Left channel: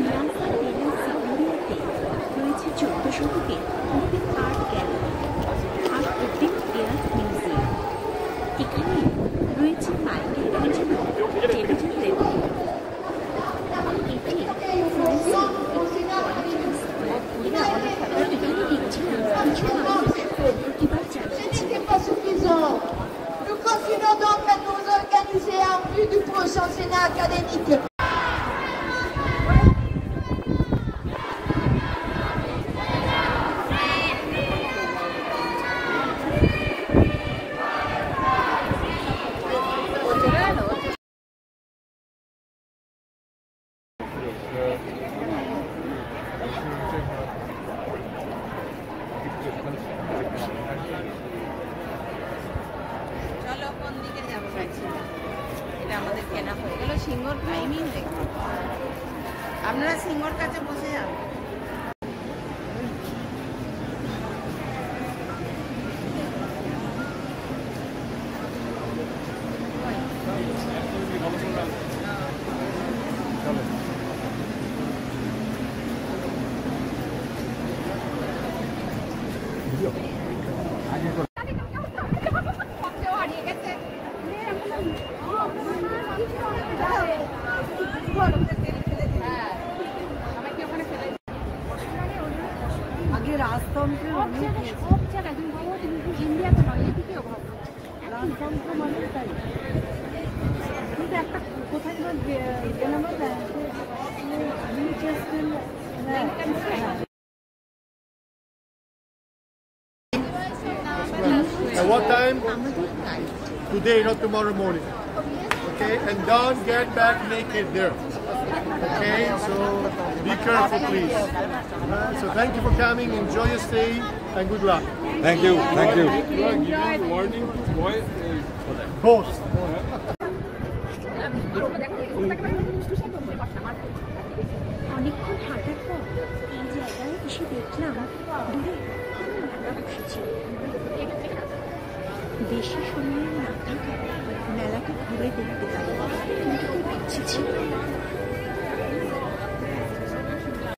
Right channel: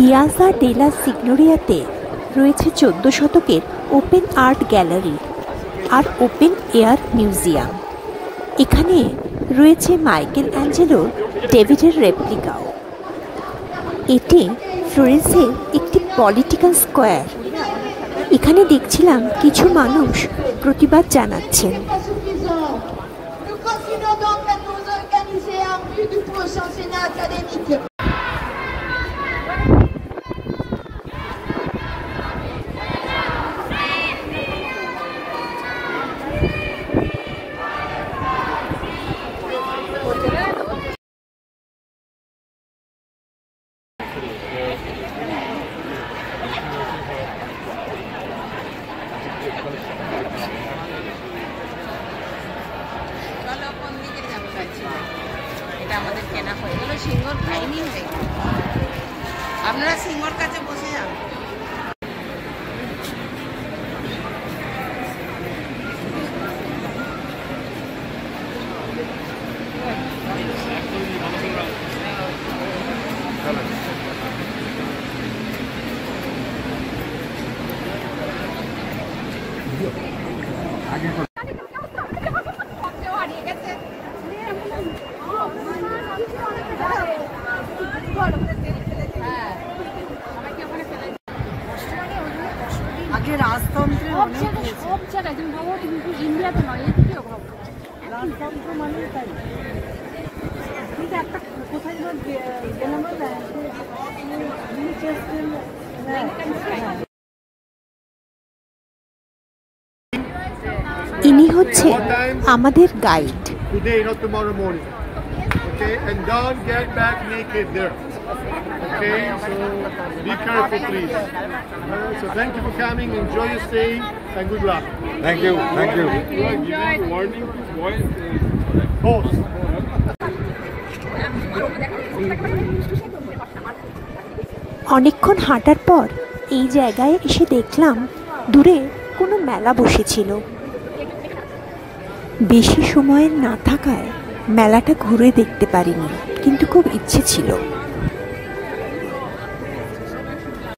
Piazza দে লা সিগনোরিয়াতে রয়েছে 14 শতকের ওপেন আর্ট গ্যালারি আর ওপেন এয়ার মিউজিয়াম। এখানে রয়েছে মাইকেল অ্যাঞ্জেলো ডেভিডের রেপ্লিকা। এটি ফ্লোরেন্সের একটি পলিটিক্যাল স্কোয়ার। এখানে দেখছিলাম কিছু মানুষ প্রতিবাদ জানাচ্ছেন। আপনারা সিংহর কাছে বসে যান। আগে রাজতন্ত্রের অনেক সব জায়গায় কিন্তু ইন্ডিয়াতে নয়, এদিকে অভাব রাজতন্ত্র মানে তাই। কিন্তু একটা কোথায় ইনি হচ্ছে আমাদের guide. Today, not tomorrow morning. Okay, and don't get back naked there. Okay, so be careful, please. So thank you for coming. Enjoy your stay and good luck. Thank you. Thank you. You are giving warning to boys. Both. অনেকক্ষণ হাঁটার পর এই জায়গায় এসে দেখলাম দূরে কোনো মেলা বসেছিল। বেশি সময়ের না থাকায় মেলাটা ঘুরে দেখতে পারিনি, কিন্তু খুব ইচ্ছে ছিল।